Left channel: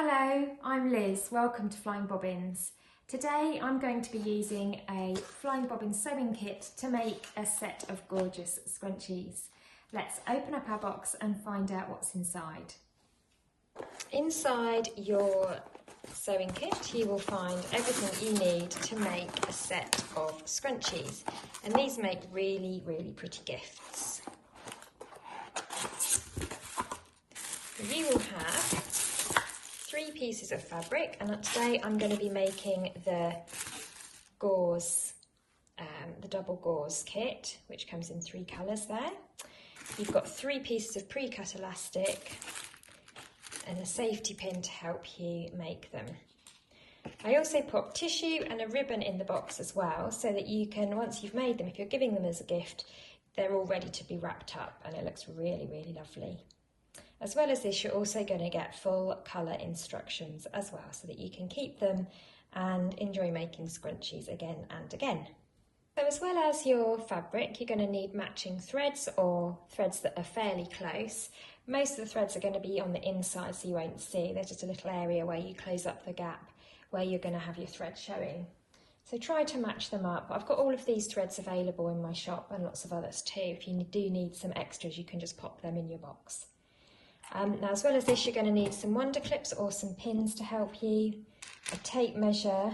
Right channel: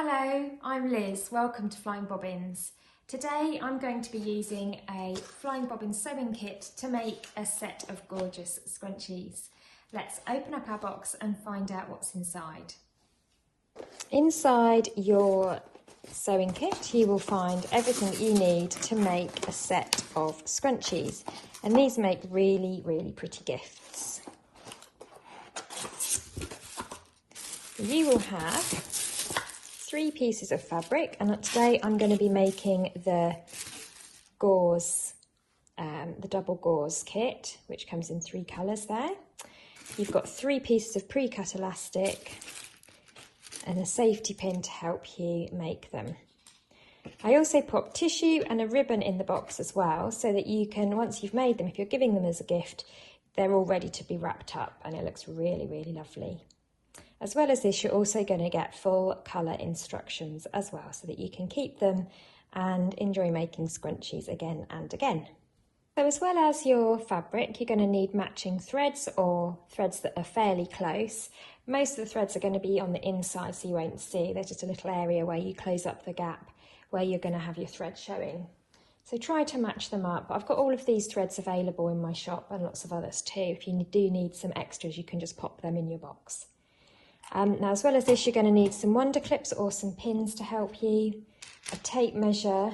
Hello, I'm Liz. Welcome to Flying Bobbins. Today I'm going to be using a Flying Bobbins sewing kit to make a set of gorgeous scrunchies. Let's open up our box and find out what's inside. Inside your sewing kit you will find everything you need to make a set of scrunchies, and these make really pretty gifts. You will have 3 pieces of fabric, and today I'm going to be making the gauze, the double gauze kit, which comes in 3 colours there. You've got 3 pieces of pre-cut elastic and a safety pin to help you make them. I also put tissue and a ribbon in the box as well, so that you can, once you've made them, if you're giving them as a gift, they're all ready to be wrapped up, and it looks really lovely. As well as this, you're also going to get full colour instructions as well, so that you can keep them and enjoy making scrunchies again and again. So as well as your fabric, you're going to need matching threads, or threads that are fairly close. Most of the threads are going to be on the inside, so you won't see. There's just a little area where you close up the gap where you're going to have your thread showing. So try to match them up. I've got all of these threads available in my shop, and lots of others too. If you do need some extras, you can just pop them in your box. Now, as well as this, you're going to need some wonder clips or some pins to help you, a tape measure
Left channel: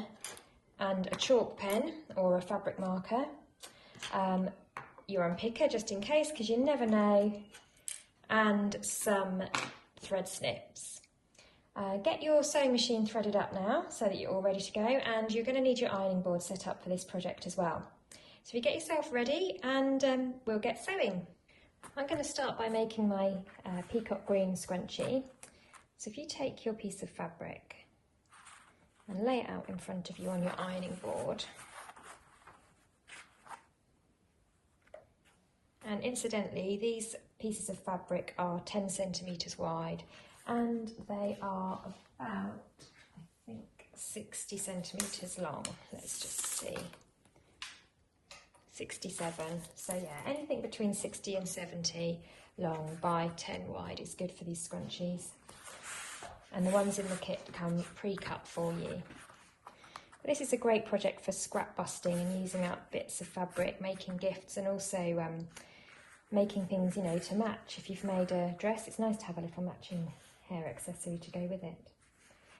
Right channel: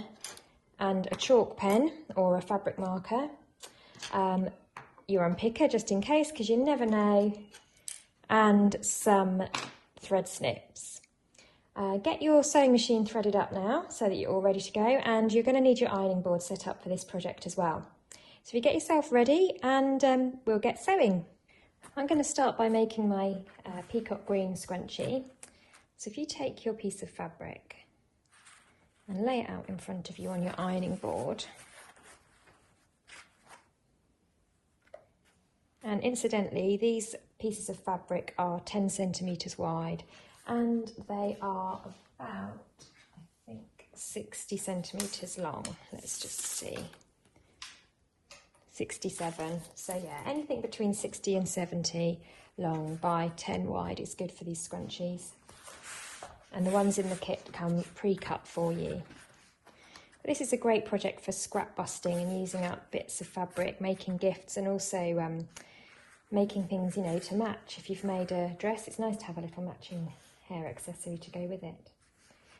and a chalk pen or a fabric marker, your unpicker just in case, because you never know, and some thread snips. Get your sewing machine threaded up now so that you're all ready to go, and you're going to need your ironing board set up for this project as well. So if you get yourself ready, and we'll get sewing. I'm going to start by making my Peacock Green scrunchie. So if you take your piece of fabric and lay it out in front of you on your ironing board. And incidentally, these pieces of fabric are 10 centimetres wide, and they are about, I think, 60 centimetres long. Let's just see. 67, so yeah, anything between 60 and 70 long by 10 wide is good for these scrunchies, and the ones in the kit come pre-cut for you. This is a great project for scrap busting and using up bits of fabric, making gifts, and also making things, you know, to match. If you've made a dress, it's nice to have a little matching hair accessory to go with it.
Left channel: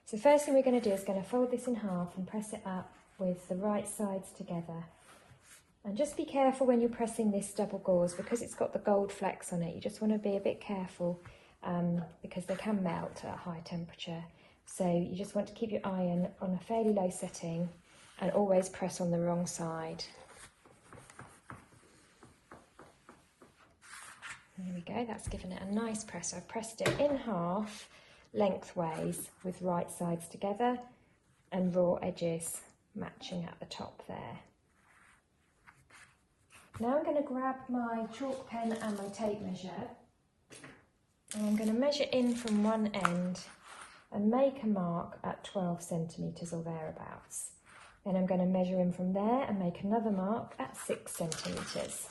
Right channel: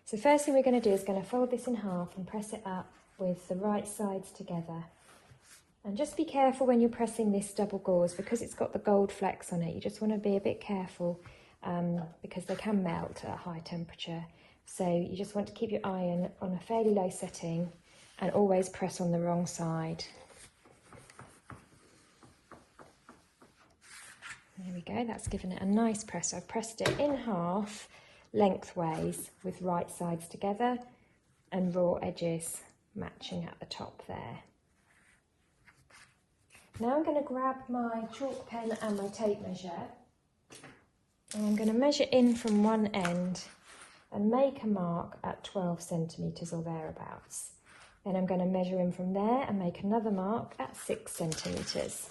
So first thing we're going to do is going to fold this in half and press it up with the right sides together. And just be careful when you're pressing this double gauze, because it's got the gold flecks on it. You just want to be a bit careful because they can melt at a high temperature. So you just want to keep your iron on a fairly low setting and always press on the wrong side. There we go, that's given it a nice press. I've pressed it in half lengthways with right sides together and raw edges matching at the top there. Now I'm going to grab my chalk pen and my tape measure, and I'm going to measure in from one end and make a mark at 12 centimetres or thereabouts. Then I'm going to measure in from there and make another mark at 6 centimetres.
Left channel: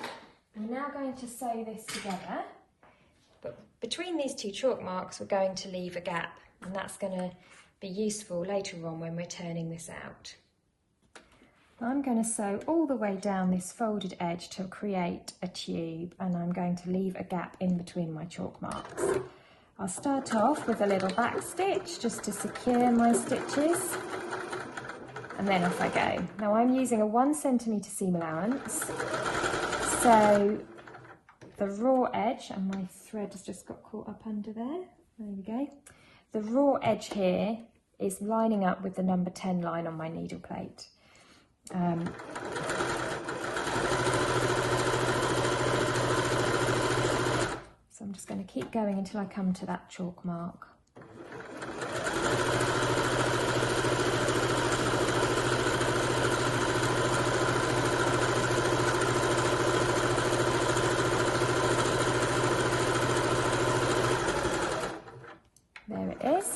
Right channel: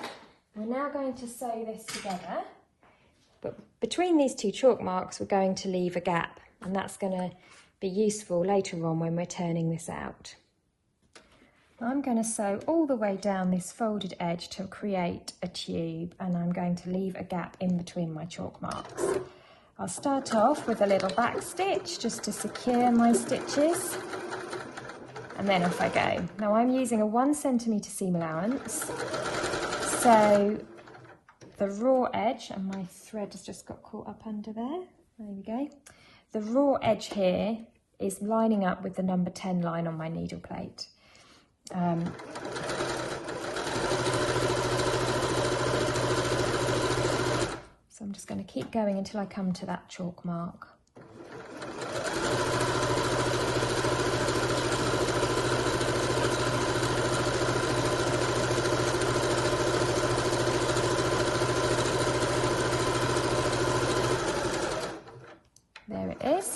I'm now going to sew this together, but between these 2 chalk marks we're going to leave a gap, and that's going to be useful later on when we're turning this out. I'm going to sew all the way down this folded edge to create a tube, and I'm going to leave a gap in between my chalk marks. I'll start off with a little back stitch just to secure my stitches, and then off I go. Now I'm using a 1 centimetre seam allowance, so the raw edge, and my thread has just got caught up under there, there we go. The raw edge here is lining up with the number 10 line on my needle plate. So I'm just going to keep going until I come to that chalk mark. There it is.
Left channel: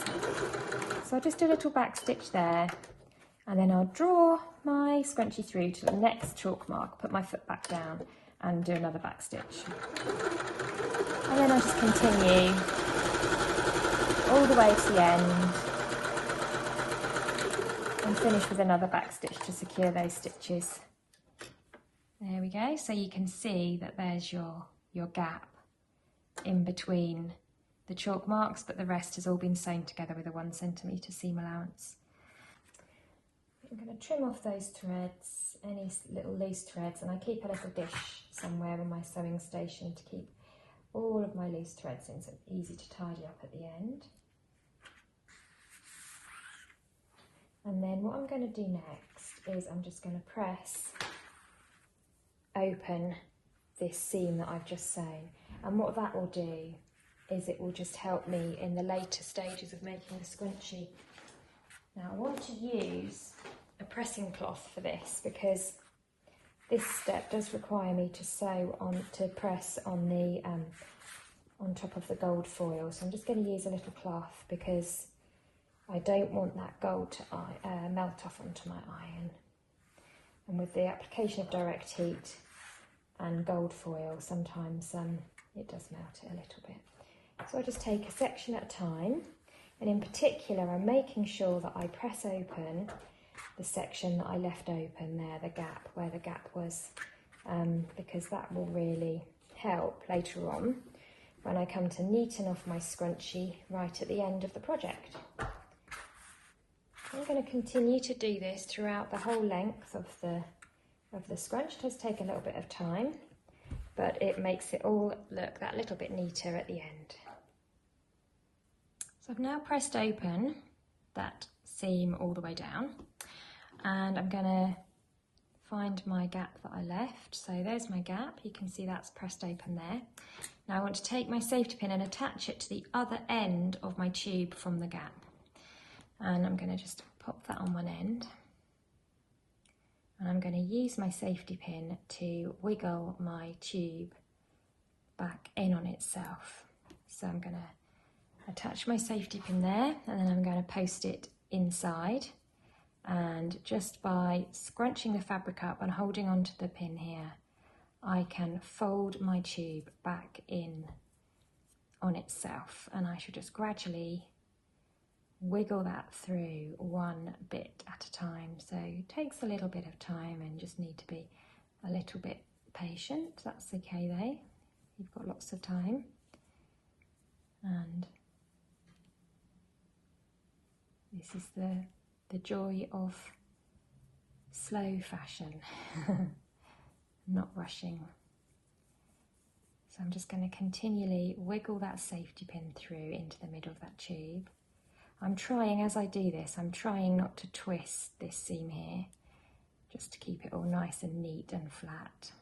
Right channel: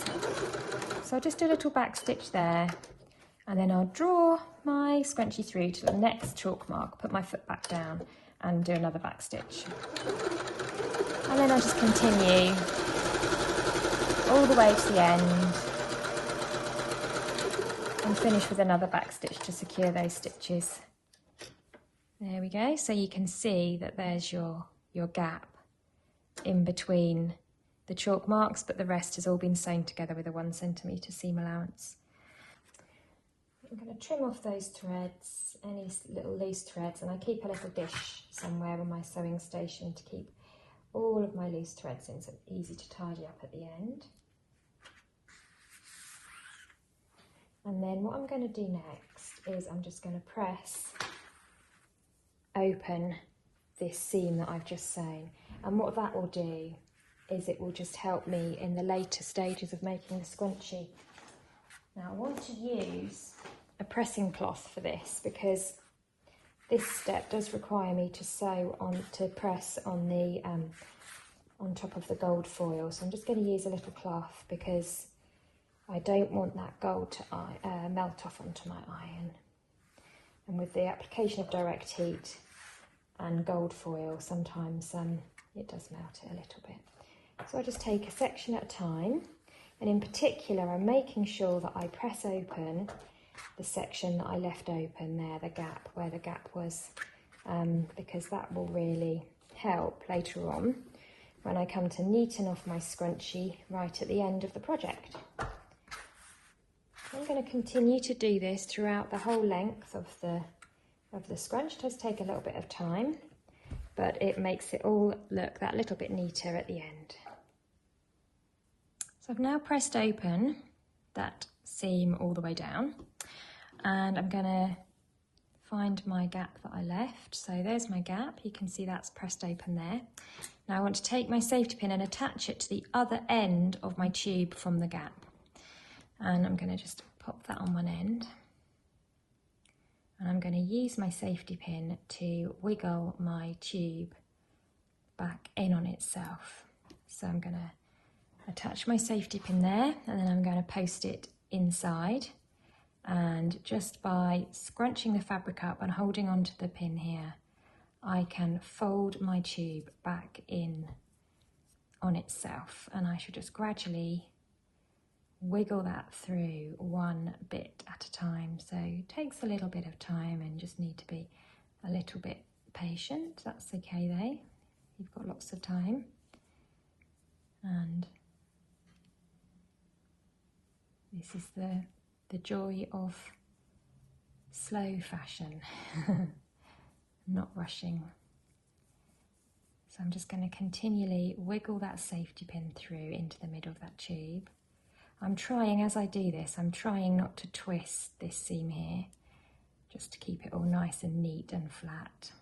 So just a little back stitch there, and then I'll draw my scrunchie through to the next chalk mark, put my foot back down and do another back stitch. And then I'll just continue all the way clear those stitches. There we go, so you can see that there's your gap in between the chalk marks, but the rest has all been sewn together with a 1 centimetre seam allowance. I'm going to trim off those threads, any little loose threads, and I keep a little dish somewhere on my sewing station to keep all of my loose threads in, so it's easy to tidy up at the end. And then what I'm going to do next is I'm just going to press open this seam that I've just sewn, and what that will do is it will just help me in the later stages of making the scrunchie. Now I want to use a pressing cloth for this because this step does require me to sew on, to press on the on top of the gold foil, so I'm just going to use a little cloth because I don't want that gold to melt off onto my iron. And with the application of direct heat and gold foil, sometimes it does melt it a little bit. So I'll just take a section at a time, and in particular I'm making sure that I press open the section that I left open there, the gap, where the gap was, because that will really help later on when I come to neaten off my scrunchie right at the end of the project. I'm going to continue to do this throughout the whole length of the scrunch. It does take a little bit of time, but it makes it all look that little bit neater at the end. So I've now pressed open that seam all the way down, and I'm going to find my gap that I left. So there's my gap, you can see that's pressed open there. Now I want to take my safety pin and attach it to the other end of my tube from the gap. And I'm going to just pop that on one end. And I'm going to use my safety pin to wiggle my tube back in on itself. So I'm going to attach my safety pin there, and then I'm going to post it inside. And just by scrunching the fabric up and holding onto the pin here, I can fold my tube back in on itself, and I should just gradually wiggle that through one bit at a time. So it takes a little bit of time and just need to be a little bit patient. That's okay though, you've got lots of time. And this is the joy of slow fashion, not rushing. So I'm just going to continually wiggle that safety pin through into the middle of that tube. I'm trying, as I do this, I'm trying not to twist this seam here, just to keep it all nice and neat and flat.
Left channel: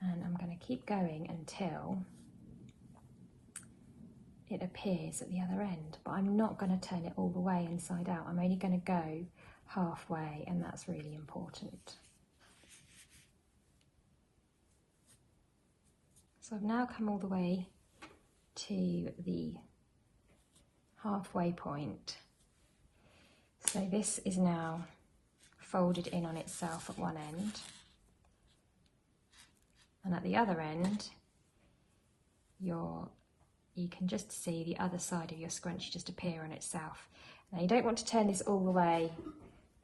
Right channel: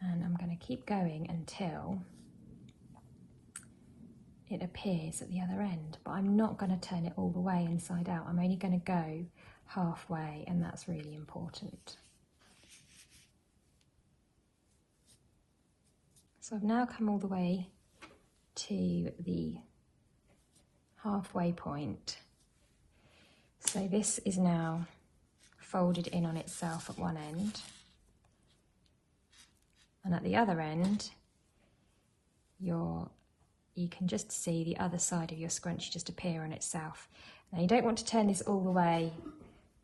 And I'm going to keep going until it appears at the other end, but I'm not going to turn it all the way inside out. I'm only going to go halfway, and that's really important. So I've now come all the way to the halfway point. So this is now folded in on itself at one end, and at the other end you can just see the other side of your scrunchie just appear on itself. Now you don't want to turn this all the way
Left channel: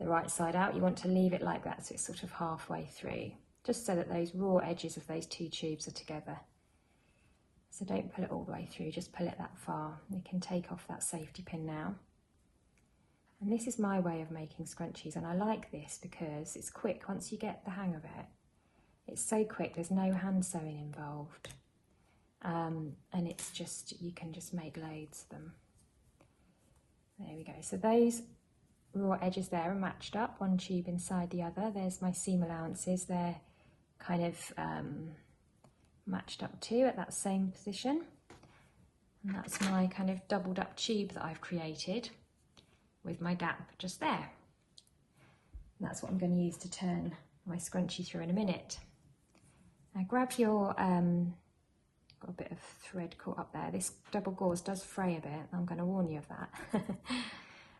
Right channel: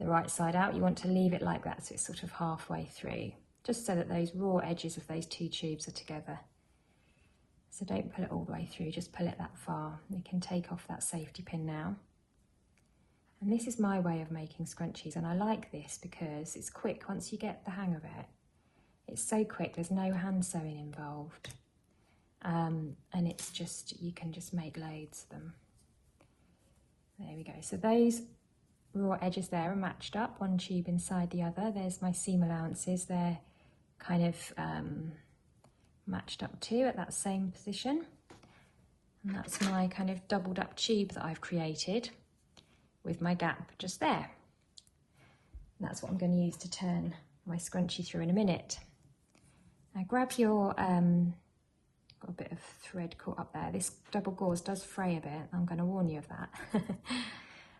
the right side out, you want to leave it like that so it's sort of halfway through, just so that those raw edges of those two tubes are together. So don't pull it all the way through, just pull it that far. We can take off that safety pin now. And this is my way of making scrunchies, and I like this because it's quick once you get the hang of it. It's so quick, there's no hand sewing involved. And it's just, you can just make loads of them. There we go. So those raw edges there are matched up, one tube inside the other. There's my seam allowances, they're kind of matched up too at that same position. And that's my kind of doubled up tube that I've created with my gap just there. And that's what I'm going to use to turn my scrunchie through in a minute. Now grab your a bit of thread caught up there. This double gauze does fray a bit, I'm going to warn you of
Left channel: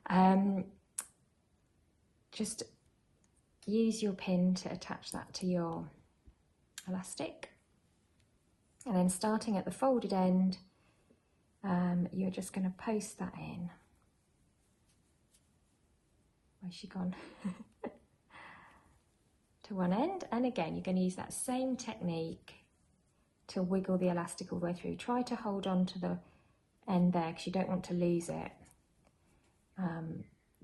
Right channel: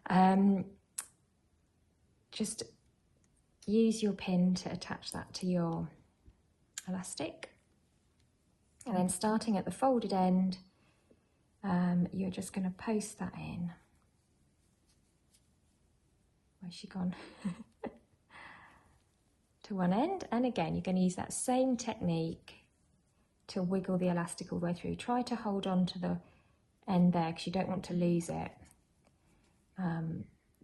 that. Just use your pin to attach that to your elastic, and then starting at the folded end, you're just going to post that in Where's she gone? To one end, and again you're going to use that same technique to wiggle the elastic all the way through. Try to hold on to the end there because you don't want to lose it.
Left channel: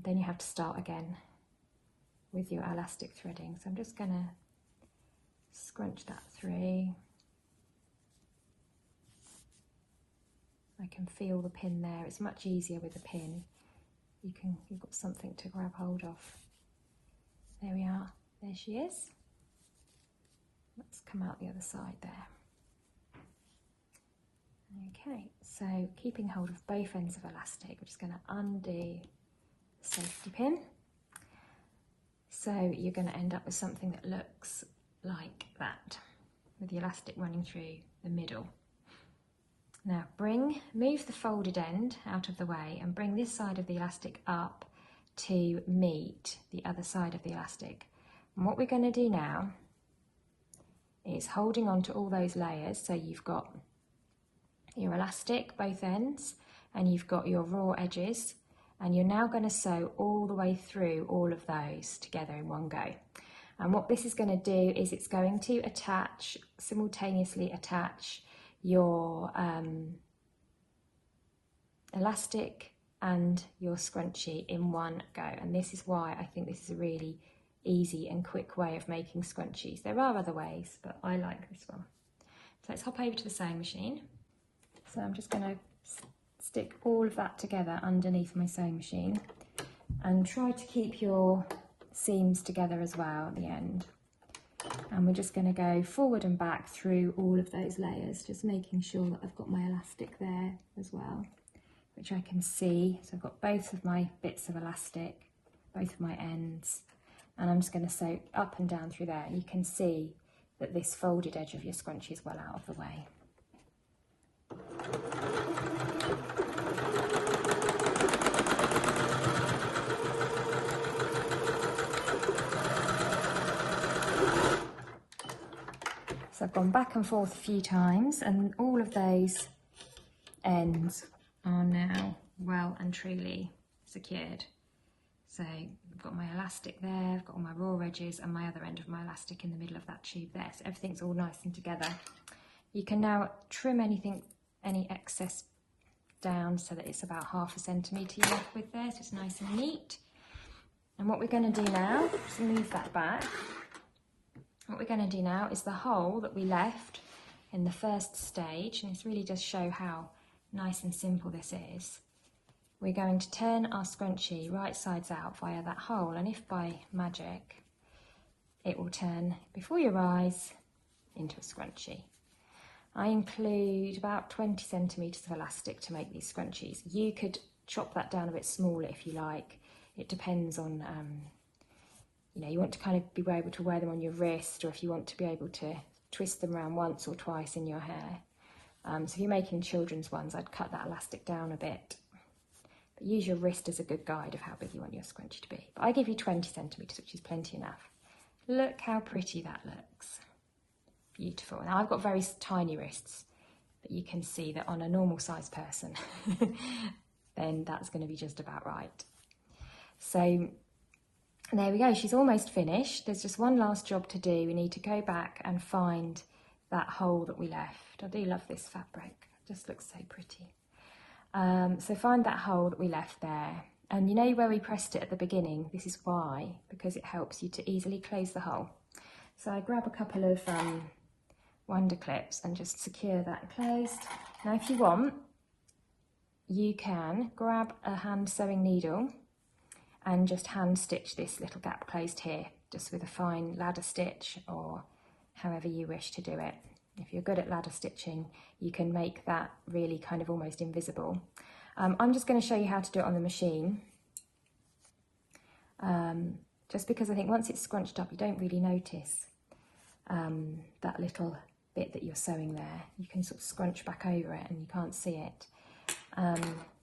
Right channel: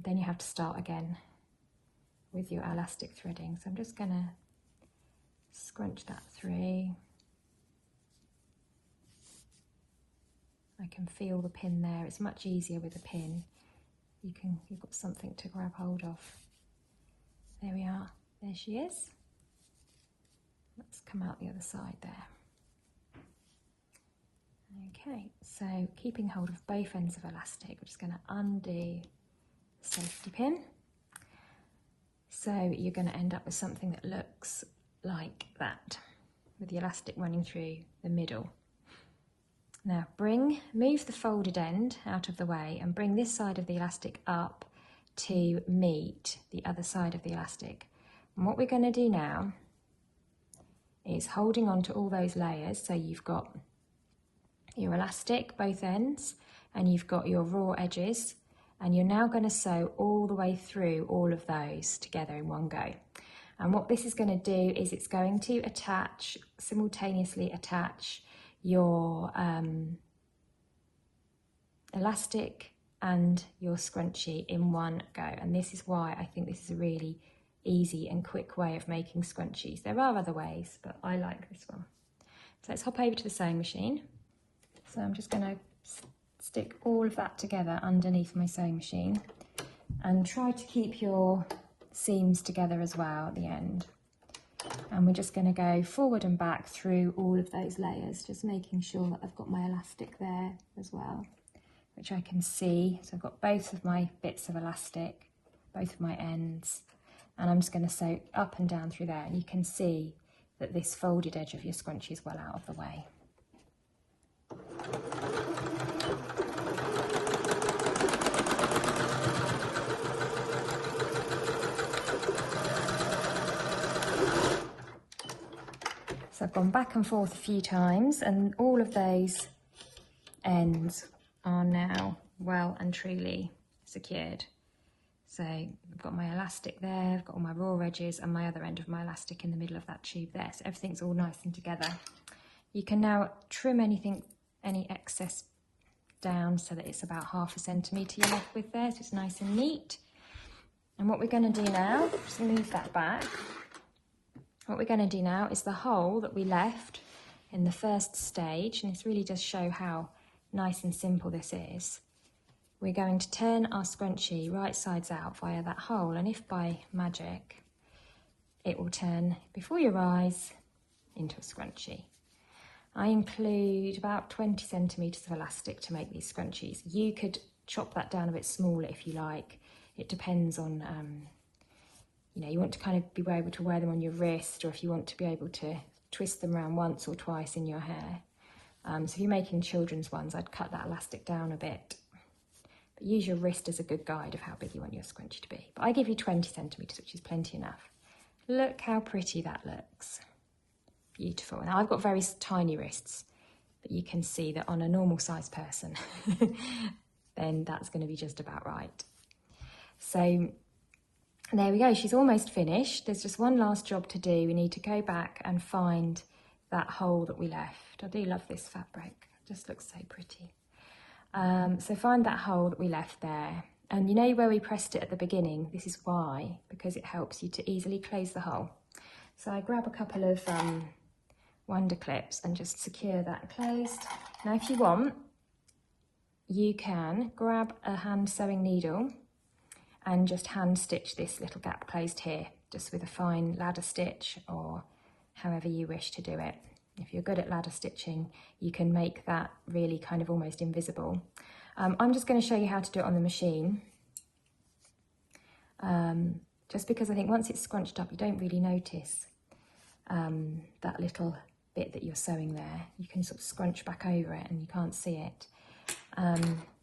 Then you have to start again with your elastic threading. So I'm just going to scrunch that through. I can feel the pin there. It's much easier with a pin. You've got something to grab hold of. There we are. There she is. Let's come out the other side there. Okay, so keeping hold of both ends of elastic, I'm just going to undo the safety pin. So you're going to end up with something that looks like that, with the elastic running through the middle. Now move the folded end out of the way and bring this side of the elastic up to meet the other side of the elastic. And what we're going to do now is holding on to all those layers, so you've got your elastic, both ends, and you've got your raw edges, and you're now going to sew all the way through all of those together in one go. And what this is going to do is it's going to simultaneously attach your elastic and your scrunchie in one go, and this is why I think this is a really easy and quick way of making scrunchies. There are other ways, but I like this one. So let's hop over to the sewing machine. So I'm just going to stick all of that together underneath my sewing machine, and try to keep your seams together as well at the end. And we're just going to go forward and back through all of those layers, just making sure that I've got my elastic there as well, which I can see. So I've got both of my bits of elastic, both of my ends, and I'm just going to sew up and down through there. And you can see that this folded edge of your scrunchie is well out of the way. So I've been back and forth a few times, and all of those ends are now well and truly secured. So I've got my elastic there, I've got all my raw edges and my other end of my elastic in the middle of that tube there, so everything's all nice and together. You can now trim any excess down so that it's about 1/2 centimetre you're left with there, so it's nice and neat. And what we're going to do now, just move that back. What we're going to do now is the hole that we left in the first stage, and this really does show how nice and simple this is. We're going to turn our scrunchie right sides out via that hole, and if by magic it will turn before your eyes into a scrunchie. I include about 20 centimetres of elastic to make these scrunchies. You could chop that down a bit smaller if you like. It depends on, you want to kind of be able to wear them on your wrist, or if you want to be able to twist them around once or twice in your hair. So if you're making children's ones, I'd cut that elastic down a bit. But use your wrist as a good guide of how big you want your scrunchie to be. But I give you 20 centimetres, which is plenty enough. Look how pretty that looks. Beautiful. Now I've got very tiny wrists, but you can see that on a normal size person, then that's going to be just about right. So there we go, she's almost finished. There's just one last job to do. We need to go back and find that hole that we left. I do love this fabric, it just looks so pretty. So find that hole that we left there. And you know where we pressed it at the beginning? This is why, because it helps you to easily close the hole. So I grab a couple of wonder clips and just secure that closed. Now if you want, you can grab a hand sewing needle and just hand stitch this little gap closed here, just with a fine ladder stitch, or however you wish to do it. If you're good at ladder stitching, you can make that really kind of almost invisible. I'm just going to show you how to do it on the machine, just because I think once it's scrunched up you don't really notice that little bit that you're sewing there. You can sort of scrunch back over it and you can't see it.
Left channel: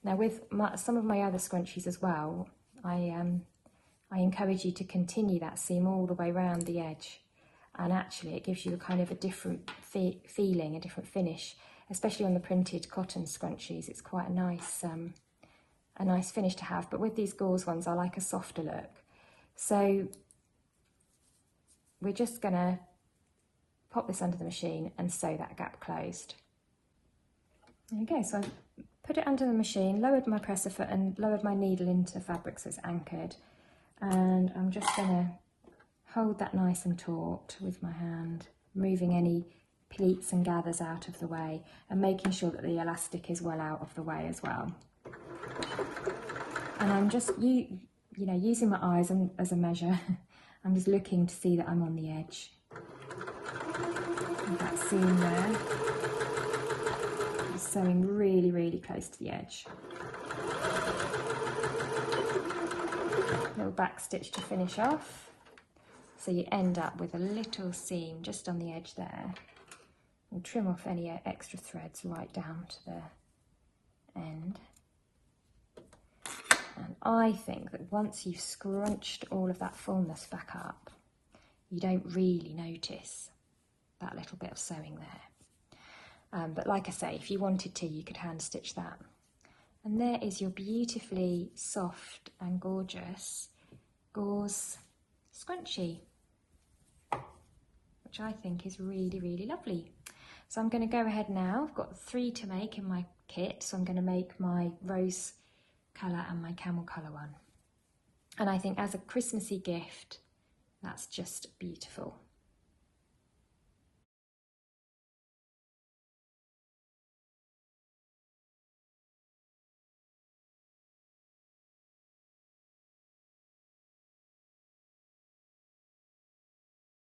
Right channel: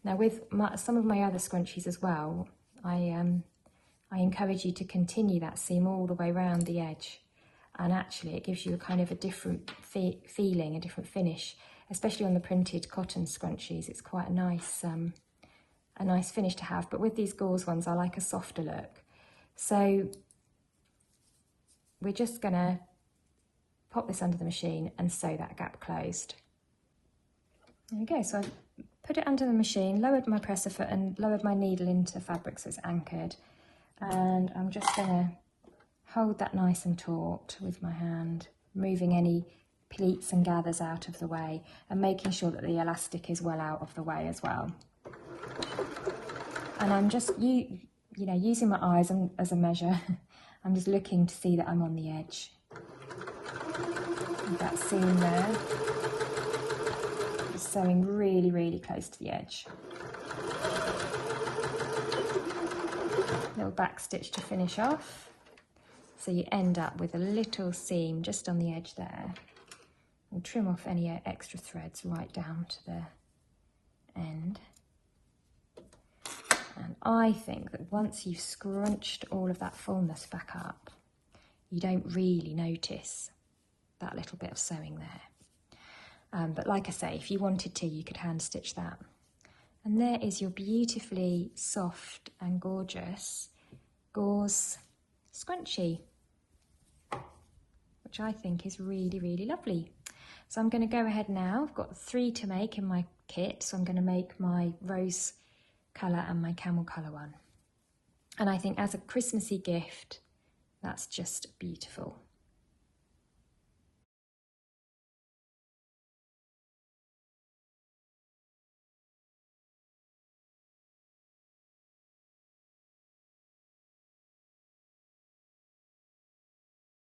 Now with some of my other scrunchies as well, I encourage you to continue that seam all the way around the edge, and actually it gives you a kind of a different feeling, a different finish, especially on the printed cotton scrunchies. It's quite a nice finish to have, but with these gauze ones I like a softer look. So we're just going to put this under the machine and sew that gap closed. There we go, so I've put it under the machine, lowered my presser foot and lowered my needle into fabric so it's anchored. And I'm just going to hold that nice and taut with my hand, moving any pleats and gathers out of the way and making sure that the elastic is well out of the way as well. And I'm just using my eyes as a measure. I'm just looking to see that I'm on the edge. With that seam there, just sewing really, really close to the edge. Little back stitch to finish off. So you end up with a little seam just on the edge there. And trim off any extra threads right down to the end. And I think that once you've scrunched all of that fullness back up, you don't really notice that little bit of sewing there. But like I say, if you wanted to, you could hand stitch that. And there is your beautifully soft and gorgeous gauze scrunchie, which I think is really, really lovely. So I'm going to go ahead now. I've got 3 to make in my kit, so I'm going to make my rose colour and my camel colour one. And I think as a Christmassy gift, that's just beautiful.